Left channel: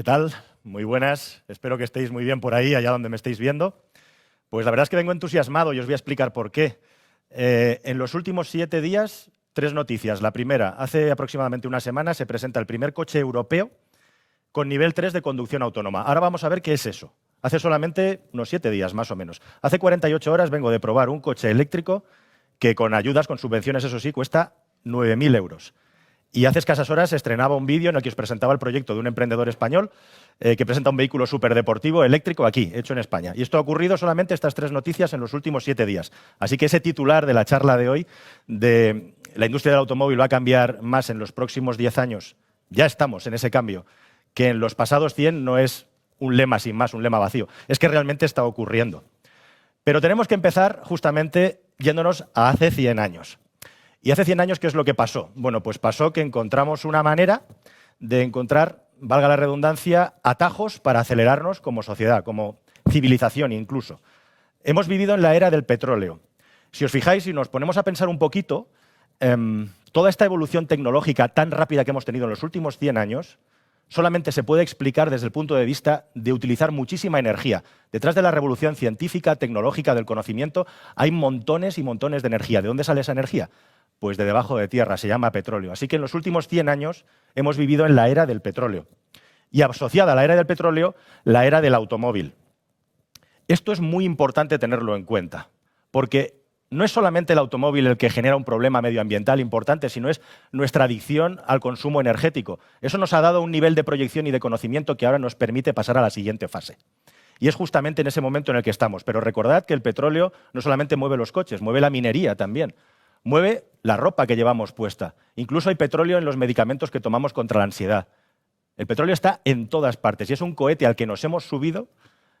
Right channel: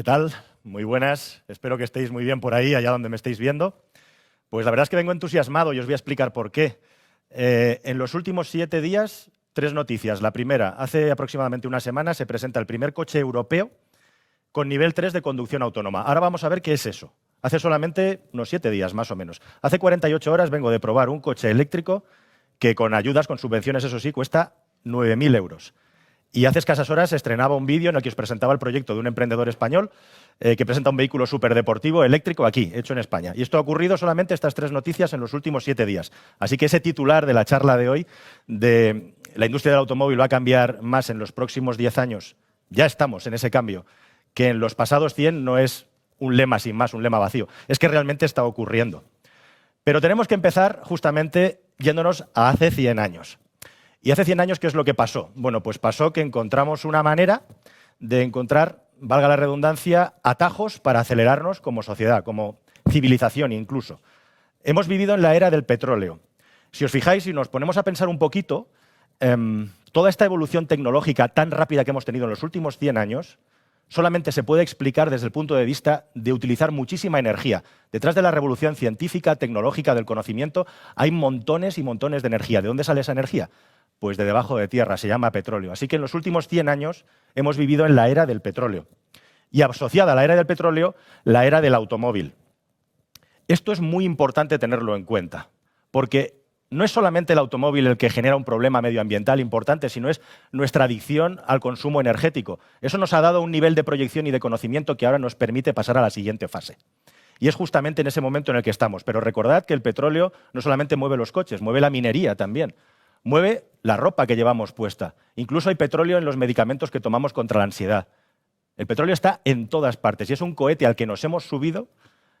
¿Qué tal? Muy buenas. Espero que estéis muy bien por ahí, allá donde me estéis viendo. Pues la verdad es que vengo entusiasmado y os voy a explicar por qué. En los últimos 7 días, 3 noticias. La primera, hace aproximadamente una semana se presenta el primer coche europeo con nivel 3 de conducción autónoma. Ahora vamos a ver qué es eso. Hace solamente unos 7 días, más o menos. Hace 48 horas vengo de probar un coche eléctrico que con ayudas, con subvenciones, eso sí, cuesta 9.000 euros. Y hace escasas horas se estrenaba un vídeo en el que os presentaba el proyecto de un emprendedor español que presenta un vehículo superdeportivo eléctrico aquí, hecho en España. Y esto ha ocurrido solamente estas 3 noticias en los últimos 7 días. Así que ese titular de la charla de hoy, de la industria del automóvil va a cambiar más en los próximos 10 años, ya estamos en ese cambio, que en los pasados 100 no es un lema sin más, un lema vacío. Es que realmente está ocurriendo. Pero tenemos que empezar justamente yéndonos a hace 100 años. ¿Y hace 100 años qué es lo que pasó? Bueno, pues pasó que encontramos una manera de encontrar, valga la redundancia, atajos para acelerarnos como sociedad, como civilización incluso. Hemos vivido en la era del petróleo. Si os fijáis y nos ponemos a pensar un poquito, toda esta evolución tecnológica tan rápida que hemos tenido en los últimos 100 años solamente se puede explicar desde el punto de vista de utilizar muchísima energía. Detrás de la revolución científica, tecnológica, del conocimiento, hay montones y montones de energía. ¿De dónde sale esa energía? Pues de debajo de tierra, se llama petróleo. Así que en los últimos 100 años hemos vivido en la era del petróleo. Y asociada a la era del petróleo, la era del automóvil. Esto es muy importante tenerlo en cuenta, porque no es solamente el automóvil el que genera un problema medioambiental importante, sino es nuestra adicción al consumo energético. Eso nos ha dado un nivel de proyección y de conocimiento que ahora nos permite pasar a la siguiente fase. Y es justamente en ese momento en el que estamos. Pero recordad que el petróleo no solamente mueve los coches, mueve la minería también. Mueve la ropa que llevamos puesta. Incluso hay petróleo en los medicamentos que tomamos contra la ansiedad. El petróleo está en todas partes y es un cohete al que nos hemos subido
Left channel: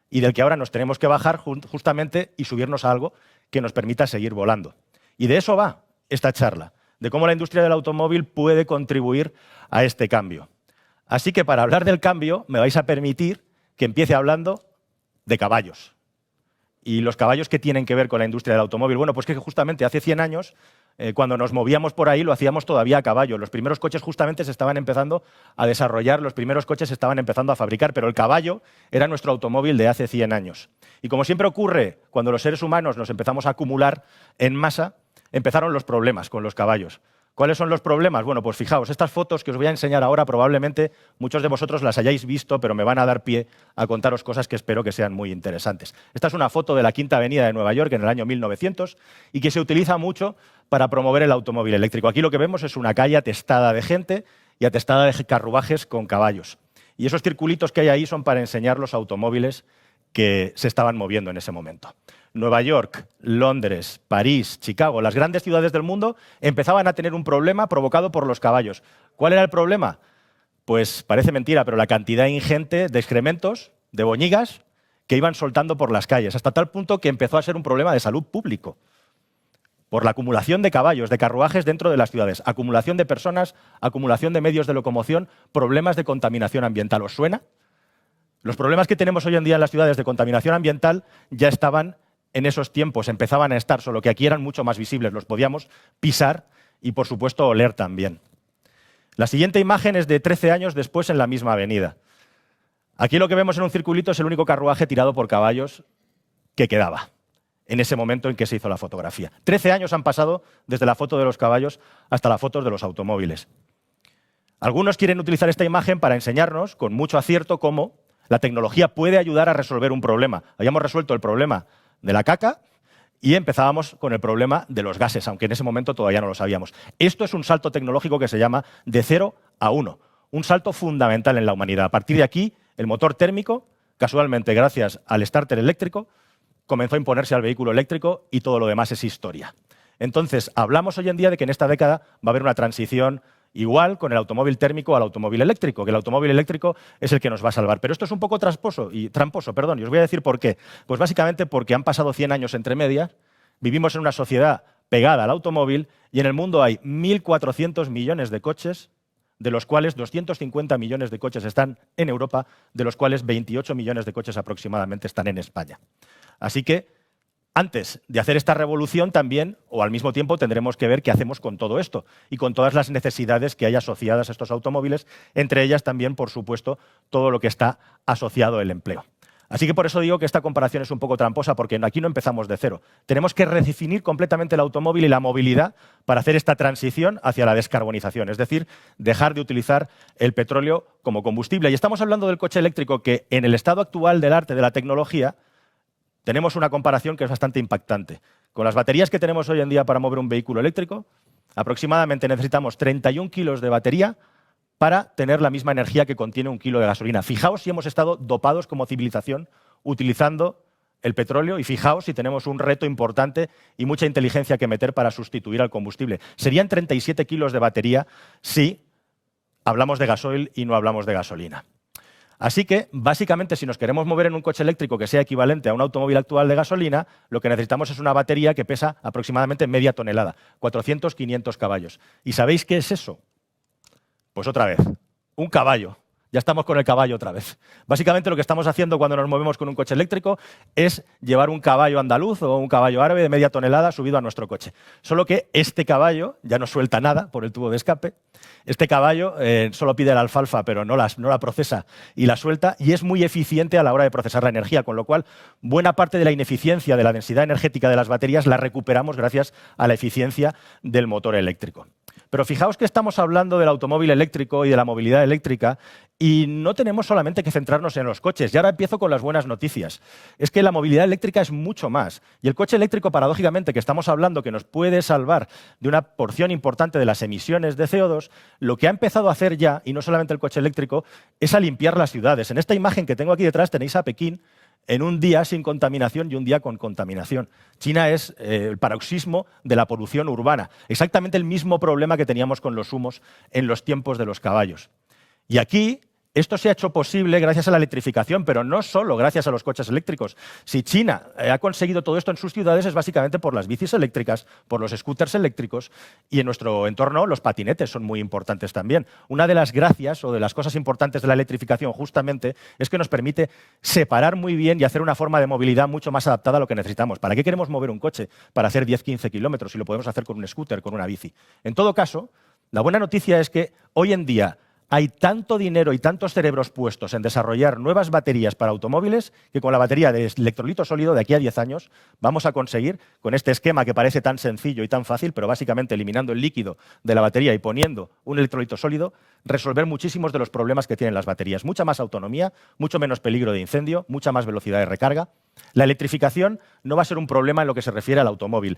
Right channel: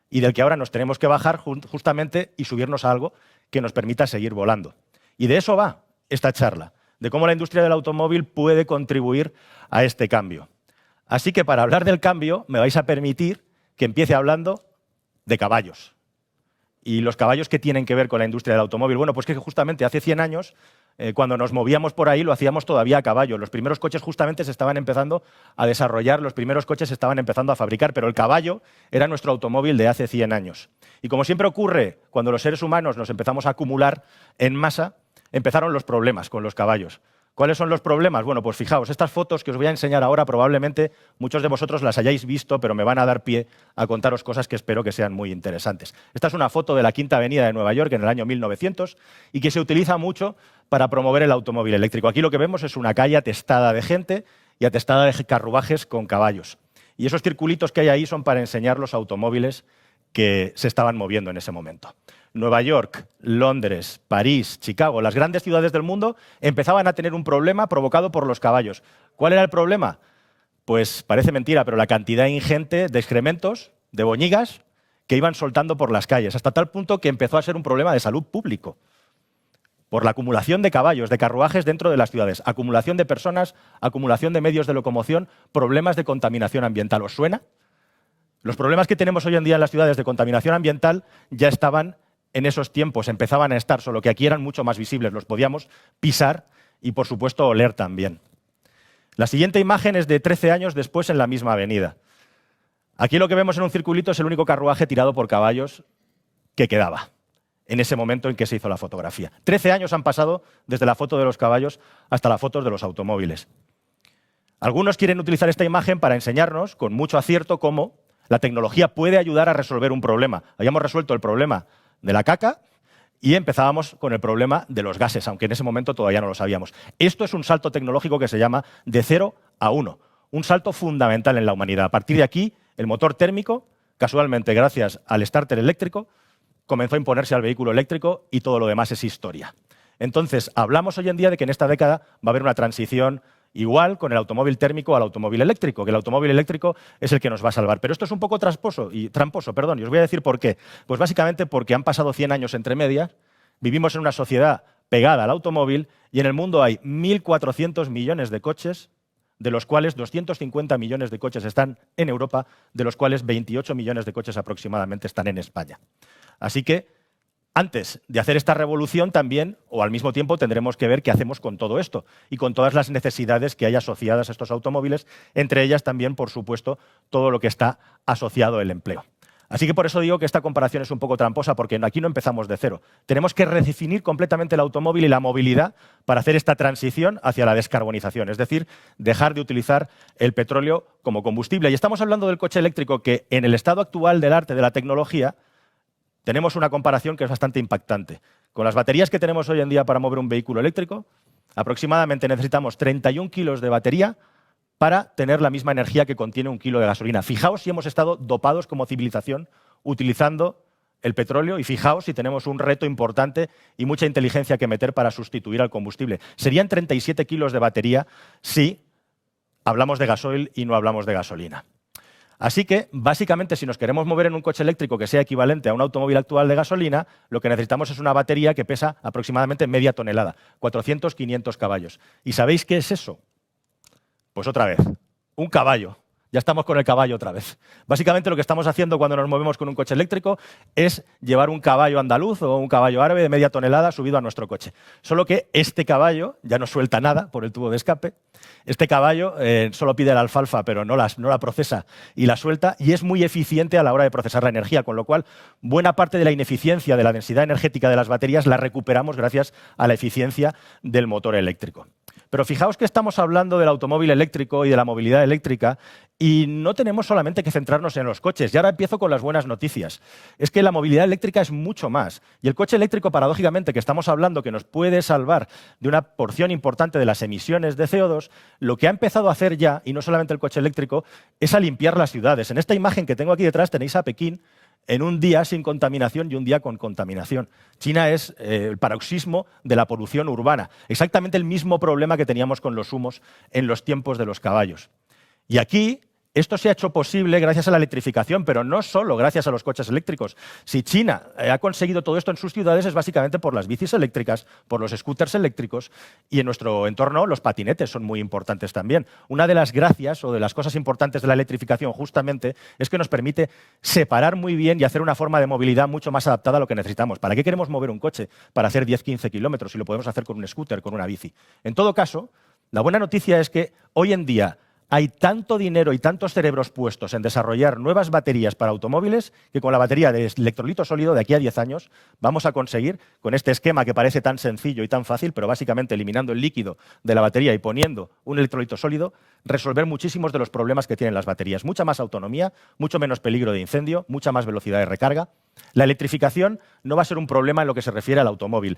y del que ahora nos tenemos que bajar justamente y subirnos a algo que nos permita seguir volando. Y de eso va esta charla, de cómo la industria del automóvil puede contribuir a este cambio. Así que para hablar del cambio me vais a permitir que empiece hablando de caballos. ¿Y los caballos qué tienen que ver con la industria del automóvil? Bueno, pues que justamente hace 100 años, cuando nos movíamos por ahí, lo hacíamos todavía a caballo. Los primeros coches justamente se estaban empezando a desarrollar, los primeros coches se estaban empezando a fabricar, pero el caballo era nuestro automóvil de hace 100 años. Y como siempre ocurre, cuando los seres humanos nos empezamos a acumular en masa, empezaron los problemas con los caballos. ¿Cuáles son los problemas? Bueno, pues fijaos, estas fotos que os voy a enseñar ahora probablemente muchos de vosotros las hayáis visto, pero me van a dar pie a contaros cosas que espero que sean muy interesantes. Esta es una foto de la Quinta Avenida de Nueva York en el año 1900 y que se utiliza mucho para promover el automóvil eléctrico. Aquí lo que vemos es una calle atestada de gente y atestada de carruajes con caballos. Y esos circulitos que hay ahí son para enseñar los automóviles que se estaban moviendo en ese momento. Nueva York, Londres, París, Chicago, las grandes ciudades del mundo empezaban a tener un problema provocado por los caballos. ¿Cuál era el problema? Pues parece mentira, pero la cantidad ingente de excrementos, de boñigas, que iban soltando por las calles, hasta tal punto que empezó a ser un problema de salud público. Por la acumulación de caballos, de carruajes dentro de las ciudades, acumulación de personas, acumulación de medios de locomoción, problemas de contaminación ambiental. ¿Os suena? Los problemas que tenemos hoy en día en las ciudades de contaminación ambiental ya estaban en esos tiempos, empezaban a estar, solo que aquí eran mucho más visibles, los podíamos pisar y, por supuesto, oler también. La siguiente imagen es de 13 años después en la misma avenida. Aquí lo que vemos en un circulito es el único carruaje tirado por caballos que quedaba en ese momento en que se hizo la fotografía. 13 años han pasado desde la foto de los caballos hasta la foto de los automóviles. Algunos quieren utilizar esta imagen para enseñarnos, con mucho acierto, cómo la tecnología puede ayudar a resolver un problema. Habíamos resuelto el problema de la caca y empezábamos con el problema de los gases, aunque en ese momento todavía no lo sabíamos. Esto es un salto tecnológico que se llama de 0 a 1, un salto fundamental en la humanidad. A partir de aquí, el motor térmico, casualmente gracias al starter eléctrico, comenzó a imponerse al vehículo eléctrico y todo lo demás es historia. Entonces, hablamos hoy en día de que en esta década va a haber una transición igual con el automóvil térmico al automóvil eléctrico, que el automóvil eléctrico es el que nos va a salvar. Pero esto es un poco tramposo, y os voy a decir por qué. Pues básicamente porque han pasado 100 años entre medias, vivimos en una sociedad pegada al automóvil y en el mundo hay 1.400 millones de coches, de los cuales 250 millones de coches están en Europa, de los cuales 28 millones de coches aproximadamente están en España. Así que Antes de hacer esta revolución también, o al mismo tiempo, tendremos que ver qué hacemos con todo esto y con todas las necesidades que hay asociadas a estos automóviles, entre ellas también, por supuesto, todo lo que está asociado al empleo. Así que por eso digo que esta comparación es un poco tramposa, porque aquí no empezamos de cero. Tenemos que redefinir completamente el automóvil y la movilidad para hacer esta transición hacia la descarbonización, es decir, dejar de utilizar el petróleo como combustible. Y estamos hablando del coche eléctrico que, en el estado actual del arte de la tecnología, tenemos una comparación que es bastante impactante. Con las baterías que tenemos hoy en día para mover un vehículo eléctrico, aproximadamente necesitamos 31 kilos de batería para tener la misma energía que contiene un kilo de gasolina. Fijaos si hemos estado dopados como civilización utilizando el petróleo y fijaos si tenemos un reto importante y mucha inteligencia que meter para sustituir al combustible. Serían 37 kilos de batería si hablamos de gasoil y no hablamos de gasolina. Así que, básicamente, si nos queremos mover en un coche eléctrico que sea equivalente a un automóvil actual de gasolina, lo que necesitamos es una batería que pesa aproximadamente media tonelada, 400-500 caballos. ¿Y sabéis qué es eso? Pues otra vez, un caballo. Ya estamos con el caballo otra vez. Básicamente lo que estamos haciendo cuando nos movemos con un coche eléctrico es llevar un caballo andaluz o un caballo árabe de media tonelada subido a nuestro coche. Solo que este caballo ya no suelta nada por el tubo de escape. Este caballo solo pide la alfalfa, pero no la procesa y la suelta, y es muy eficiente a la hora de procesar la energía, con lo cual buena parte de la ineficiencia de la densidad energética de las baterías la recuperamos gracias a la eficiencia del motor eléctrico. Pero fijaos que estamos hablando del automóvil eléctrico y de la movilidad eléctrica y no tenemos solamente que centrarnos en los coches. Y ahora empiezo con las buenas noticias. Es que la movilidad eléctrica es mucho más. Y el coche eléctrico, paradójicamente, que estamos hablando que nos puede salvar de una porción importante de las emisiones de CO2, lo que ha empezado a hacer ya, y no solamente el coche eléctrico, es a limpiar las ciudades. En esta imagen que tengo aquí detrás tenéis a Pekín en un día sin contaminación y un día con contaminación. China es el paroxismo de la polución urbana. Exactamente el mismo problema que teníamos con los humos en los tiempos de los caballos. Y aquí esto se ha hecho posible gracias a la electrificación, pero no solo gracias a los coches eléctricos. Si China ha conseguido todo esto en sus ciudades es básicamente por las bicis eléctricas, por los scooters eléctricos y en nuestro entorno los patinetes son muy importantes también. Una de las gracias o de las cosas importantes de la electrificación justamente es que nos permite separar muy bien y hacer una forma de movilidad mucho más adaptada a lo que necesitamos. ¿Para qué queremos mover un coche? Para hacer 10-15 kilómetros si lo podemos hacer con un scooter, con una bici. En todo caso, la buena noticia es que hoy en día hay tanto dinero y tantos cerebros puestos en desarrollar nuevas baterías para automóviles que con la batería de electrolito sólido de aquí a 10 años vamos a conseguir, con este esquema que parece tan sencillo y tan fácil, pero básicamente eliminando el líquido de la batería y poniendo un electrolito sólido, resolver muchísimos de los problemas que tienen las baterías. Mucha más autonomía, mucho menos peligro de incendio, mucha más velocidad de recarga. La electrificación no va a ser un problema en lo que se refiere al automóvil.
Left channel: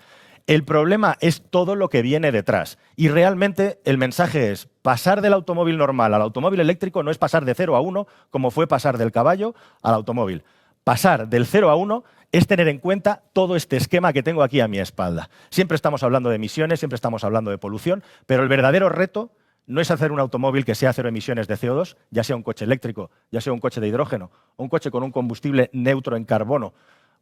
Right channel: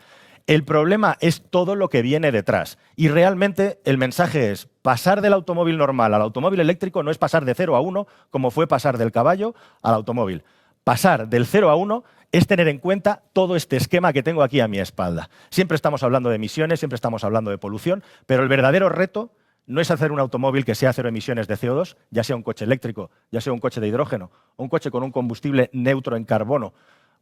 El problema es todo lo que viene detrás. Y realmente el mensaje es, pasar del automóvil normal al automóvil eléctrico no es pasar de 0 a 1, como fue pasar del caballo al automóvil. Pasar del 0 a 1 es tener en cuenta todo este esquema que tengo aquí a mi espalda. Siempre estamos hablando de emisiones, siempre estamos hablando de polución, pero el verdadero reto no es hacer un automóvil que sea cero emisiones de CO2, ya sea un coche eléctrico, ya sea un coche de hidrógeno, o un coche con un combustible neutro en carbono,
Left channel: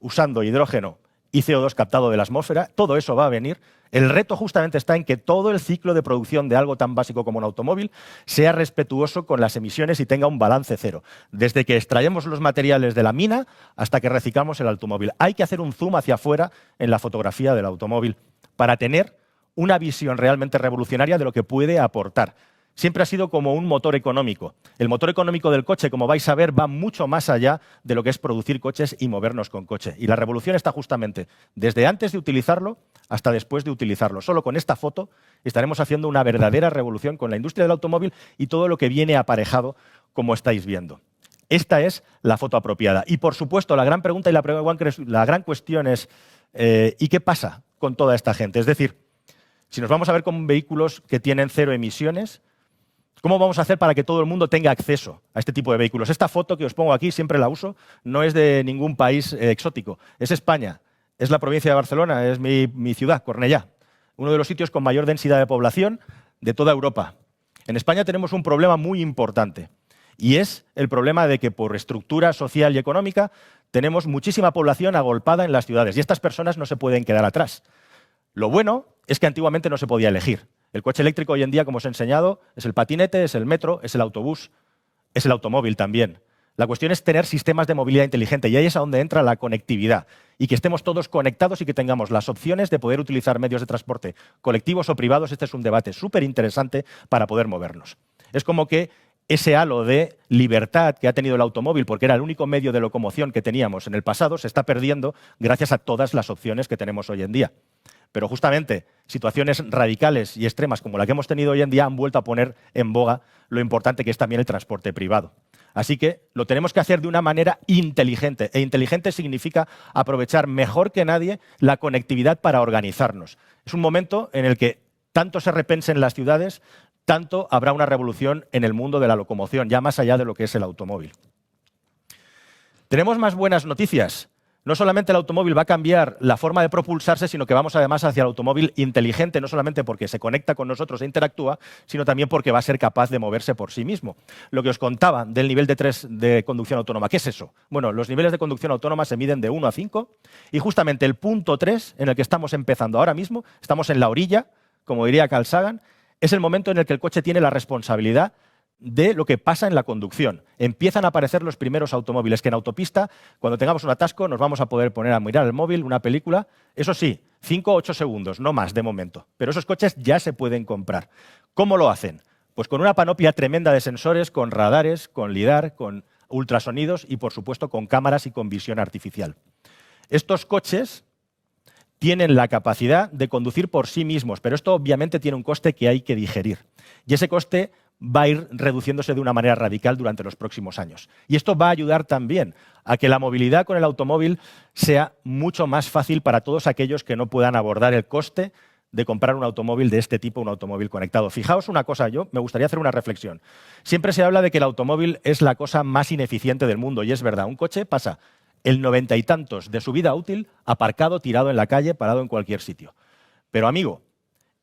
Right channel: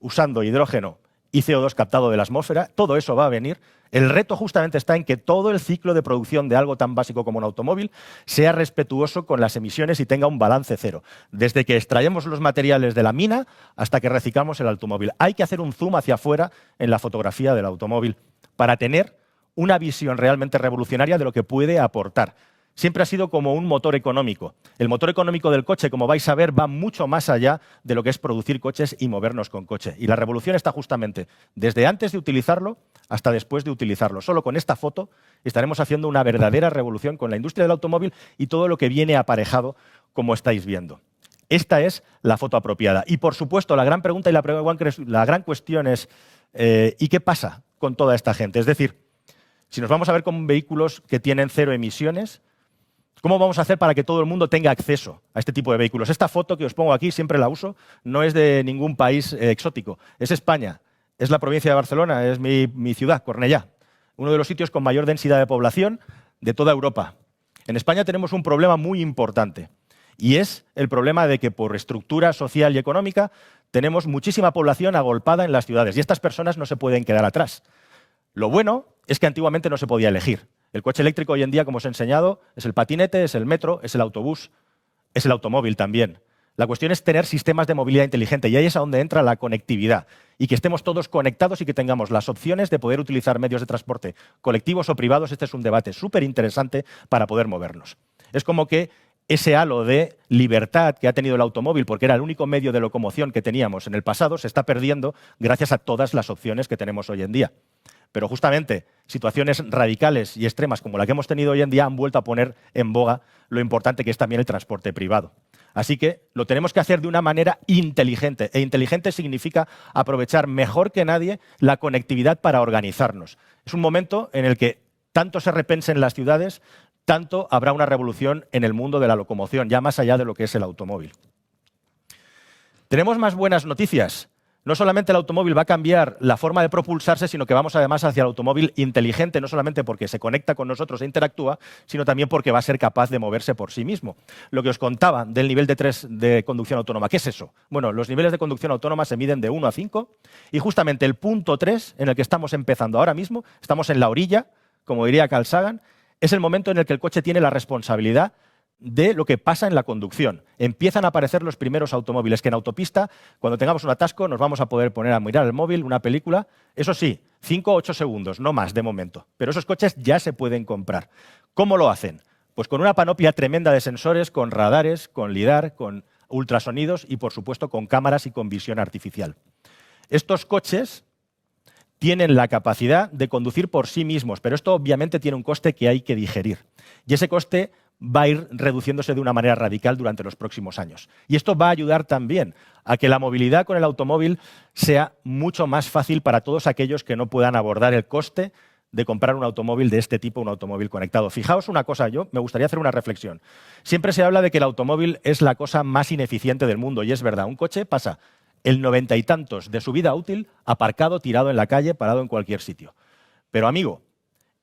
usando hidrógeno y CO2 captado de la atmósfera, todo eso va a venir. El reto justamente está en que todo el ciclo de producción de algo tan básico como un automóvil sea respetuoso con las emisiones y tenga un balance cero. Desde que extraemos los materiales de la mina hasta que reciclamos el automóvil. Hay que hacer un zoom hacia afuera en la fotografía del automóvil para tener una visión realmente revolucionaria de lo que puede aportar. Siempre ha sido como un motor económico. El motor económico del coche, como vais a ver, va mucho más allá de lo que es producir coches y movernos con coche. Y la revolución está justamente desde antes de utilizarlo hasta después de utilizarlo. Solo con esta foto estaremos haciendo una verdadera revolución con la industria del automóvil y todo lo que viene aparejado, como estáis viendo. Esta es la foto apropiada. Y, por supuesto, la gran pregunta y la gran cuestión es ¿y qué pasa con toda esta gente? Es decir, si nos vamos a ver con vehículos que tienen cero emisiones, ¿cómo vamos a hacer para que todo el mundo tenga acceso a este tipo de vehículos? Esta foto que os pongo aquí, siempre la uso, no es de ningún país exótico. Es España, es la provincia de Barcelona, es mi ciudad, Cornellá, uno de los sitios con mayor densidad de población de toda Europa. En España tenemos un problema muy importante y es el problema de que por estructura social y económica tenemos muchísima población agolpada en las ciudades y estas personas no se pueden quedar atrás. Lo bueno es que antiguamente no se podía elegir. El coche eléctrico hoy en día, como os he enseñado, es el patinete, es el metro, es el autobús, es el automóvil también. La cuestión es tener sistemas de movilidad inteligente y ahí es a donde entra la conectividad y que estemos todos conectados y que tengamos las opciones de poder utilizar medios de transporte colectivos o privados. Este es un debate súper interesante para poder movernos. Es como que ese halo de libertad que ha tenido el automóvil, porque era el único medio de locomoción que teníamos en el pasado, se está perdiendo gracias a todas las opciones que tenemos hoy en día. Pero justamente situaciones radicales y extremas como la que hemos tenido hoy en día han vuelto a poner en boga lo importante que es también el transporte privado. Así que lo tenemos que hacer de una manera inteligente. E inteligente significa aprovechar mejor que nadie la conectividad para organizarnos. Es un momento en el que tanto se repensen las ciudades, tanto habrá una revolución en el mundo de la locomoción, ya más allá de lo que es el automóvil. Tenemos más buenas noticias. No solamente el automóvil va a cambiar la forma de propulsarse, sino que vamos además hacia el automóvil inteligente, no solamente porque se conecta con nosotros e interactúa, sino también porque va a ser capaz de moverse por sí mismo. Lo que os contaba del nivel de 3 de conducción autónoma, ¿qué es eso? Bueno, los niveles de conducción autónoma se miden de 1 a 5 y justamente el punto 3, en el que estamos empezando ahora mismo, estamos en la orilla, como diría Carl Sagan, es el momento en el que el coche tiene la responsabilidad de lo que pasa en la conducción. Empiezan a aparecer los primeros automóviles que en autopista, cuando tengamos un atasco, nos vamos a poder poner a mirar el móvil, una película. Eso sí, 5 o 8 segundos, no más de momento. Pero esos coches ya se pueden comprar. ¿Cómo lo hacen? Pues con una panoplia tremenda de sensores, con radares, con lidar, con ultrasonidos y, por supuesto, con cámaras y con visión artificial. Estos coches tienen la capacidad de conducir por sí mismos, pero esto obviamente tiene un coste que hay que digerir. Y ese coste va a ir reduciéndose de una manera radical durante los próximos años. Y esto va a ayudar también a que la movilidad con el automóvil sea mucho más fácil para todos aquellos que no puedan abordar el coste de comprar un automóvil de este tipo, un automóvil conectado. Fijaos una cosa, yo me gustaría hacer una reflexión. Siempre se habla de que el automóvil es la cosa más ineficiente del mundo, y es verdad. Un coche pasa el 90 y tantos de su vida útil aparcado, tirado en la calle, parado en cualquier sitio. Pero, amigo,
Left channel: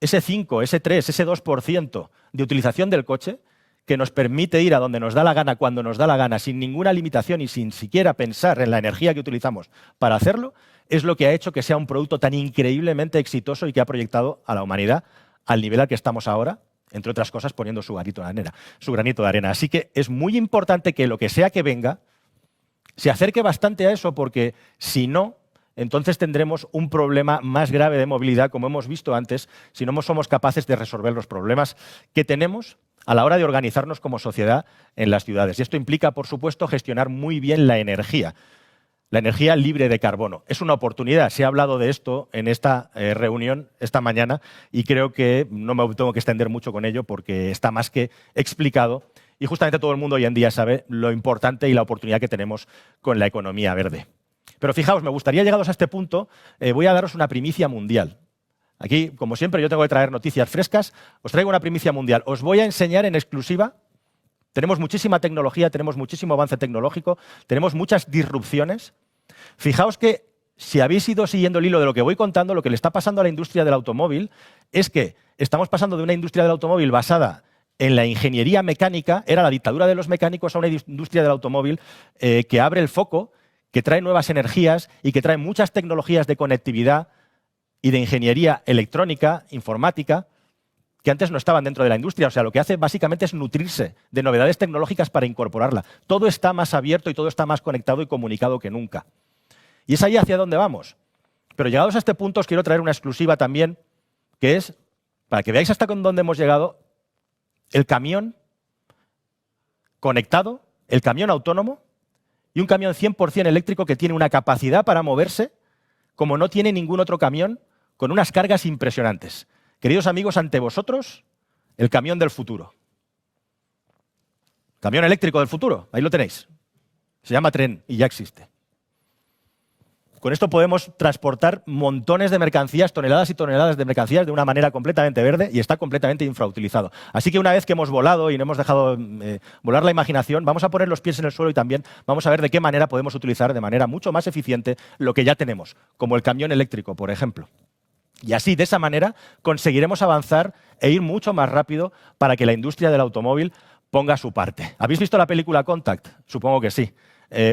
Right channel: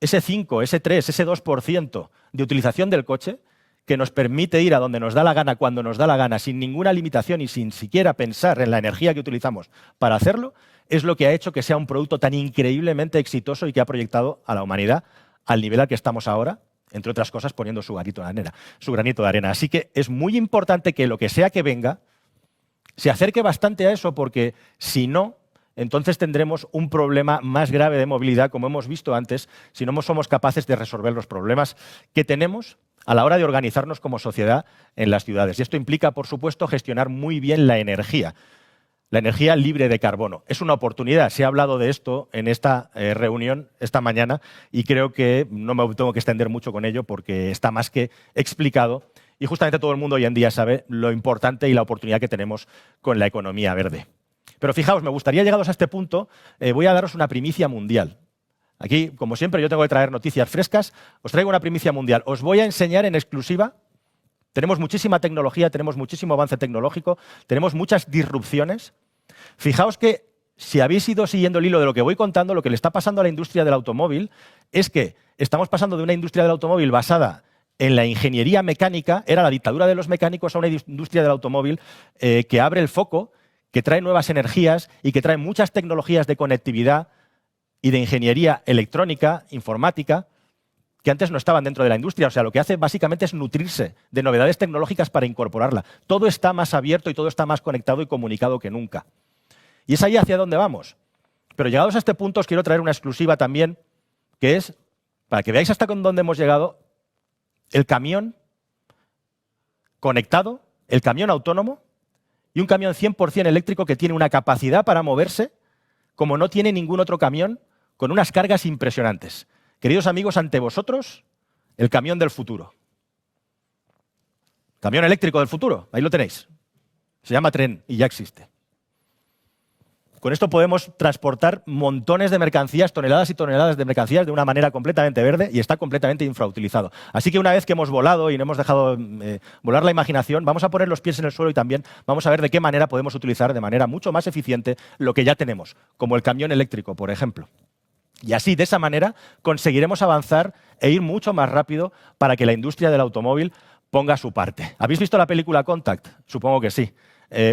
ese 5, ese 3, ese 2% de utilización del coche que nos permite ir a donde nos da la gana, cuando nos da la gana, sin ninguna limitación y sin siquiera pensar en la energía que utilizamos para hacerlo, es lo que ha hecho que sea un producto tan increíblemente exitoso y que ha proyectado a la humanidad al nivel al que estamos ahora, entre otras cosas poniendo su granito de arena. Así que es muy importante que lo que sea que venga se acerque bastante a eso, porque si no, entonces tendremos un problema más grave de movilidad, como hemos visto antes, si no somos capaces de resolver los problemas que tenemos a la hora de organizarnos como sociedad en las ciudades. Y esto implica, por supuesto, gestionar muy bien la energía libre de carbono. Es una oportunidad. Se ha hablado de esto en esta reunión esta mañana y creo que no me tengo que extender mucho con ello porque está más que explicado. Y justamente todo el mundo hoy en día sabe lo importante y la oportunidad que tenemos con la economía verde. Pero fijaos, me gustaría, llegados a este punto, voy a daros una primicia mundial. Aquí, como siempre, yo tengo que traer noticias frescas. Os traigo una primicia mundial. Os voy a enseñar en exclusiva. Tenemos muchísima tecnología, tenemos muchísimo avance tecnológico, tenemos muchas disrupciones. Fijaos que, si habéis ido siguiendo el hilo de lo que voy contando, lo que le está pasando a la industria del automóvil es que estamos pasando de una industria del automóvil basada en la ingeniería mecánica, era la dictadura de los mecánicos, a una industria del automóvil que abre el foco, que trae nuevas energías y que trae muchas tecnologías de conectividad y de ingeniería electrónica, informática, que antes no estaban dentro de la industria. O sea, lo que hace básicamente es nutrirse de novedades tecnológicas para incorporarla. Todo está más abierto y todo está más conectado y comunicado que nunca. Y es ahí hacia dónde vamos. Pero llegados a este punto os quiero traer una exclusiva también, que es, para que veáis hasta dónde hemos llegado, el camión conectado, el camión autónomo y un camión 100% eléctrico que tiene una capacidad para moverse como no tiene ningún otro camión, con unas cargas impresionantes. Queridos amigos, ante vosotros, el camión del futuro. Camión eléctrico del futuro, ahí lo tenéis. Se llama tren y ya existe. Con esto podemos transportar montones de mercancías, toneladas y toneladas de mercancías de una manera completamente verde y está completamente infrautilizado. Así que una vez que hemos volado y no hemos dejado volar la imaginación, vamos a poner los pies en el suelo y también vamos a ver de qué manera podemos utilizar de manera mucho más eficiente lo que ya tenemos, como el camión eléctrico, por ejemplo. Y así, de esa manera, conseguiremos avanzar e ir mucho más rápido para que la industria del automóvil ponga su parte. ¿Habéis visto la película Contact? Supongo que sí.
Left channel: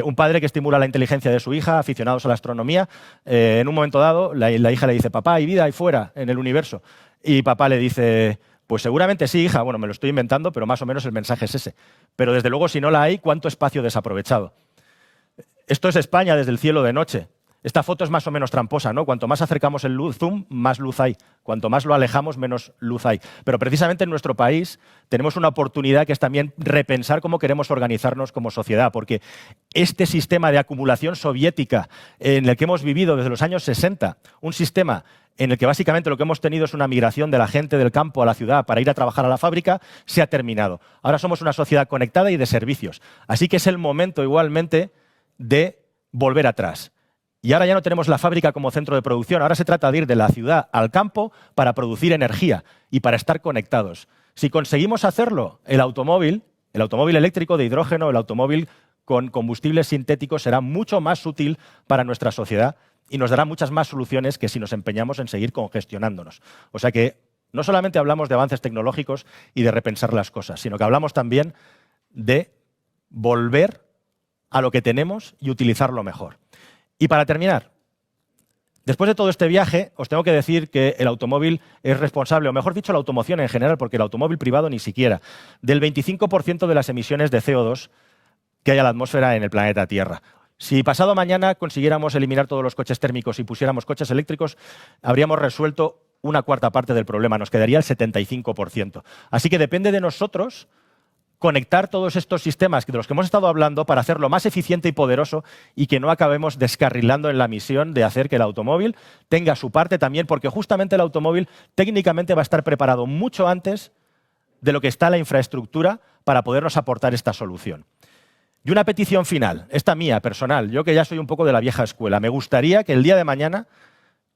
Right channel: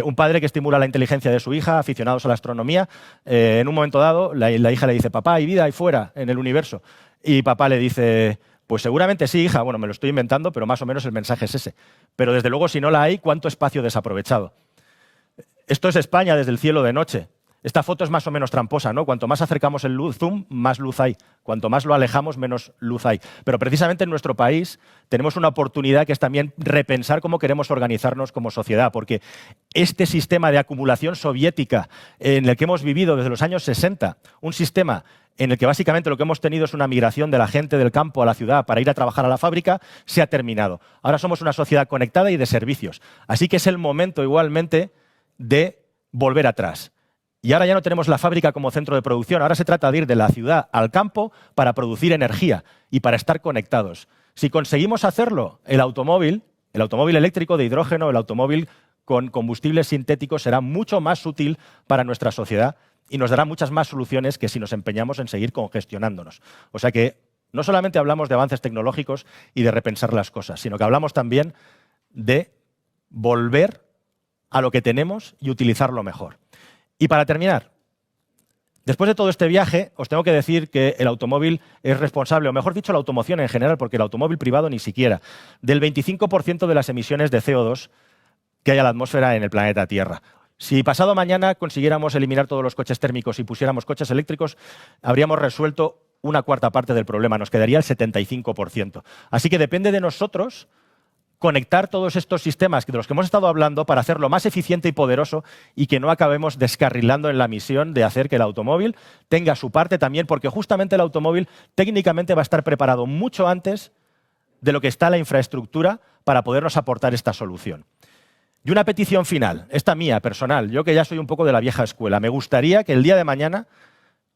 Un padre que estimula la inteligencia de su hija, aficionados a la astronomía. En un momento dado, la hija le dice, papá, hay vida ahí fuera, en el universo. Y papá le dice, Pues seguramente sí, hija, bueno, me lo estoy inventando, pero más o menos el mensaje es ese. Pero desde luego, si no la hay, ¿cuánto espacio desaprovechado? Esto es España desde el cielo de noche. Esta foto es más o menos tramposa, ¿no? Cuanto más acercamos el zoom, más luz hay. Cuanto más lo alejamos, menos luz hay. Pero precisamente en nuestro país tenemos una oportunidad que es también repensar cómo queremos organizarnos como sociedad, porque este sistema de acumulación soviética en el que hemos vivido desde los años 60, un sistema en el que básicamente lo que hemos tenido es una migración de la gente del campo a la ciudad para ir a trabajar a la fábrica, se ha terminado. Ahora somos una sociedad conectada y de servicios. Así que es el momento igualmente de volver atrás. Y ahora ya no tenemos la fábrica como centro de producción, ahora se trata de ir de la ciudad al campo para producir energía y para estar conectados. Si conseguimos hacerlo, el automóvil eléctrico de hidrógeno, el automóvil con combustibles sintéticos será mucho más útil para nuestra sociedad y nos dará muchas más soluciones que si nos empeñamos en seguir congestionándonos. O sea que no solamente hablamos de avances tecnológicos y de repensar las cosas, sino que hablamos también de volver a lo que tenemos y utilizarlo mejor. Y para terminar, después de todo este viaje, os tengo que decir que el automóvil es responsable, o mejor dicho, la automoción en general, porque el automóvil privado ni siquiera, del 25% de las emisiones de CO2 que hay a la atmósfera en el planeta Tierra. Si pasado mañana consiguiéramos eliminar todos los coches térmicos y pusiéramos coches eléctricos, habríamos resuelto una cuarta parte del problema, nos quedaría el 75%. Así que depende de nosotros conectar todos estos sistemas de los que hemos estado hablando para hacerlo más eficiente y poderoso y que no acabemos descarrilando en la misión de hacer que el automóvil tenga su parte también, porque justamente el automóvil técnicamente va a estar preparado mucho antes de lo que está la infraestructura para podernos aportar esta solución. Y una petición final, esta mía, personal, yo que ya soy un poco de la vieja escuela, me gustaría que el día de mañana,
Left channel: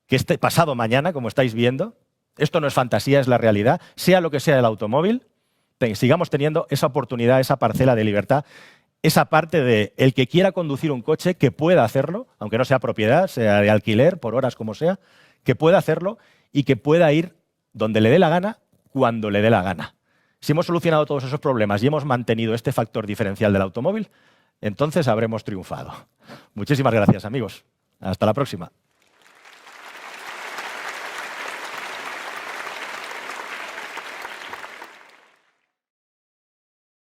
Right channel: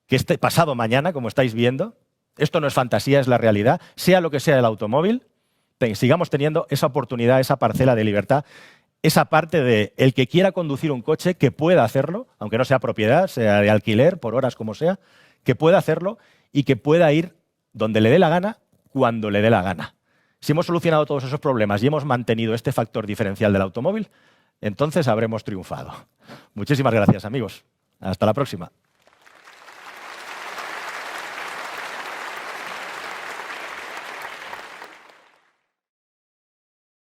que este pasado mañana, como estáis viendo, esto no es fantasía, es la realidad, sea lo que sea el automóvil, sigamos teniendo esa oportunidad, esa parcela de libertad, esa parte de el que quiera conducir un coche, que pueda hacerlo, aunque no sea propiedad, sea de alquiler, por horas, como sea, que pueda hacerlo y que pueda ir donde le dé la gana, cuando le dé la gana. Si hemos solucionado todos esos problemas y hemos mantenido este factor diferencial del automóvil, entonces habremos triunfado. Muchísimas gracias, amigos. Hasta la próxima.